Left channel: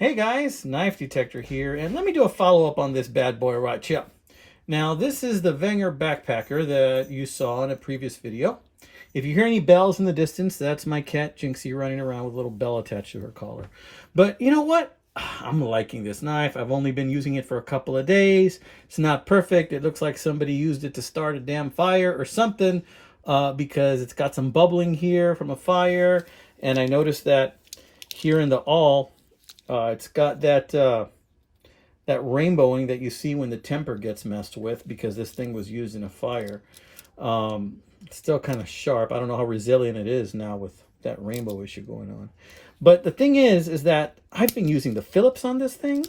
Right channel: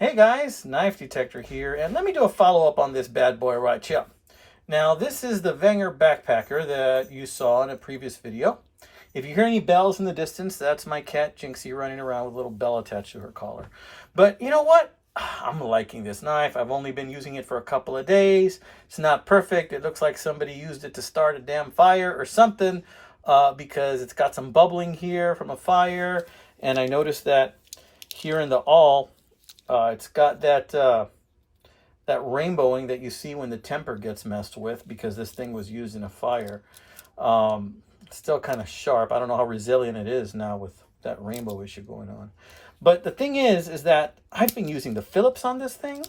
Hey guys, Knife Detector here, and let me do a follow-up on this bad boy right here. Now, this is the Wenger backpacker that you saw in a previous video. If you hear any bells in the distance, that's my cat Jinxie running around with a little bell attached to her collar. But you know what? I'm liking this knife. I've only been using it for a couple of days. It's not perfect. It looks like somebody used it to start a damn fire or something because it's got some bubbling here from a fire. And I noticed that here in the awl, it's got that rainbowing that you see when the temper gets messed with because this thing was used in a fire. It's still kind of sharp. I don't know how resilient it is now with that rainbow issue going on. But the thing is that I've been using the Phillips on this thing.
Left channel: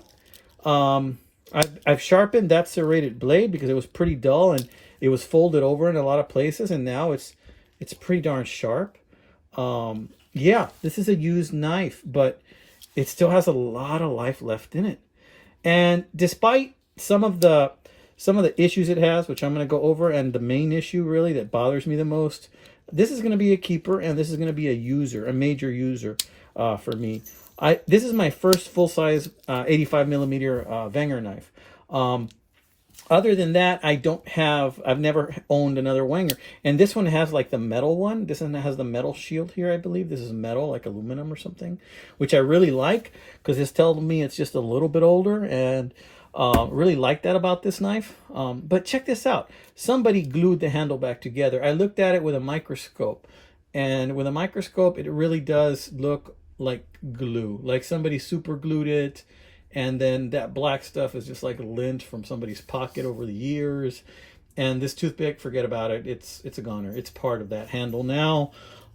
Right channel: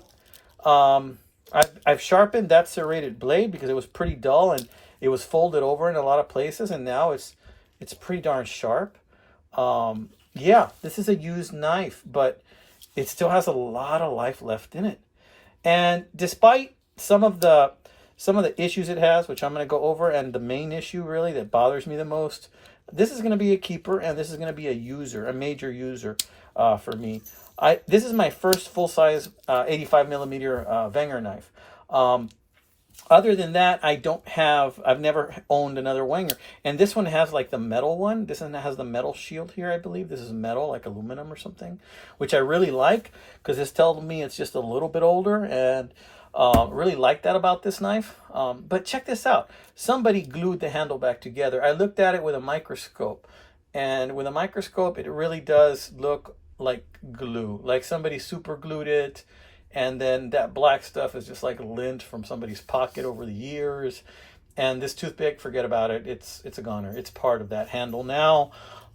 I've sharpened that serrated blade because it was pretty dull and it was folded over in a lot of places, and now it's pretty darn sharp. Yeah, this is a used knife, but it still has a lot of life left in it. And despite some of the issues it has, which I'm going to go over, and the main issue really that bothers me the most, this is going to be a keeper, and this is going to be a major user for me. This is my first full-size 85 millimeter Wenger knife. Other than that, I've never owned another Wenger. And this one has like the metal one. This one has the metal shield here, I believe. This is metal, like aluminum or something, which I really like because this tells me it's just a little bit older, and really like that about this knife. But check this out. Somebody glued the handle back together. I looked at it with a microscope, and with a microscope, it really does look like glue, like somebody super glued it. And then that black stuff is just like lint from somebody's pocket over the years. And this toothpick, forget about it. It's a goner. It's part of that handle now.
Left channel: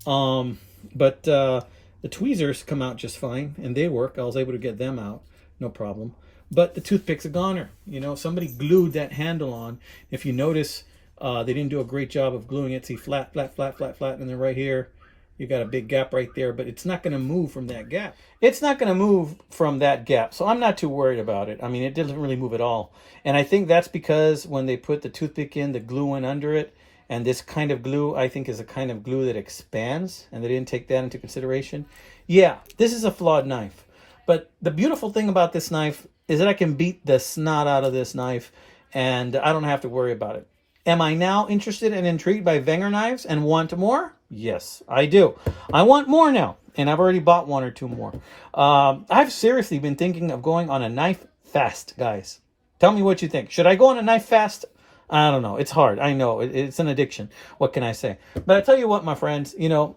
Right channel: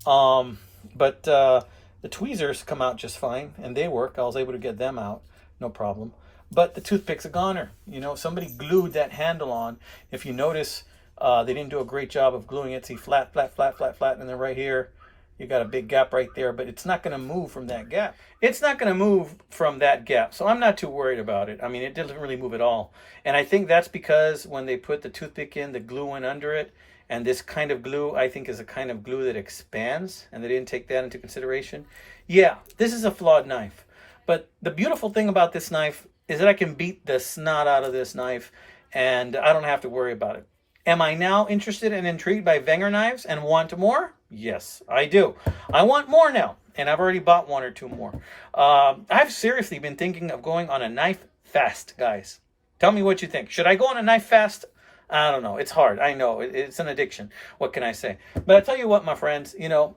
But the tweezers come out just fine, and they work. I was able to get them out, no problem. But the toothpick's a goner. You know, somebody glued that handle on. If you notice, they didn't do a great job of gluing it. See, flat, flat, flat, flat, flat, and then right here, you got a big gap right there, but it's not going to move from that gap. It's not going to move from that gap, so I'm not too worried about it. I mean, it doesn't really move at all. And I think that's because when they put the toothpick in, the glue went under it, and this kind of glue, I think, is a kind of glue that expands, and they didn't take that into consideration. Yeah, this is a flawed knife. But the beautiful thing about this knife is that I can beat the snot out of this knife, and I don't have to worry about it. Am I now interested and intrigued by Wenger knives and want more? Yes, I do. I want more now, and I've already bought one or two more. I've seriously been thinking of going on a knife fast, guys. Tell me what you think. Should I go on a knife fast? I don't know. It's hard. I know. It's an addiction. What can I say? But I tell you what, my friends, you know,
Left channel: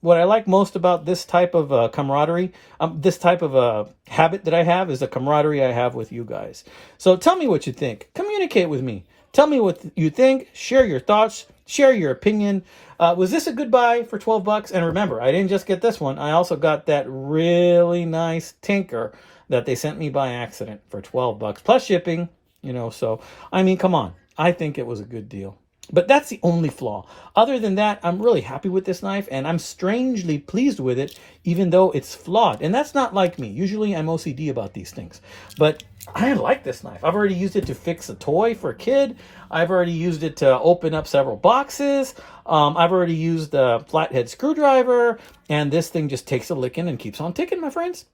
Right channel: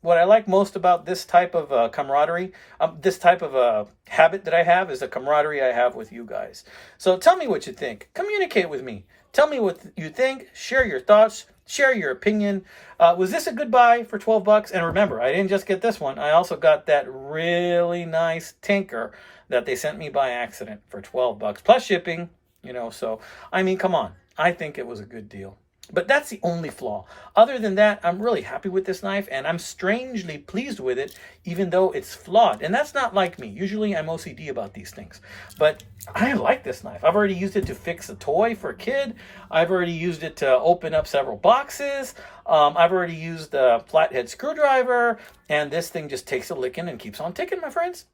what I like most about this type of camaraderie, this type of habit that I have is the camaraderie I have with you guys. So tell me what you think. Communicate with me. Tell me what you think. Share your thoughts. Share your opinion. Was this a good buy for 12 bucks? And remember, I didn't just get this one. I also got that really nice Tinker that they sent me by accident for 12 bucks plus shipping, you know. So, I mean, come on. I think it was a good deal. But that's the only flaw. Other than that, I'm really happy with this knife, and I'm strangely pleased with it, even though it's flawed. And that's not like me. Usually I'm OCD about these things. But I like this knife. I've already used it to fix a toy for a kid. I've already used it to open up several boxes. I've already used the flathead screwdriver, and this thing just takes a licking and keeps on ticking, my friends.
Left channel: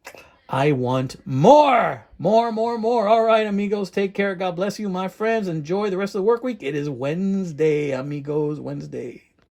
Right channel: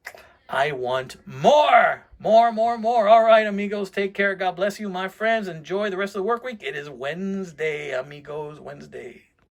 I want more. More, more, more. All right, amigos, take care. God bless you, my friends. Enjoy the rest of the work week. It is Wednesday, amigos, Wednesday.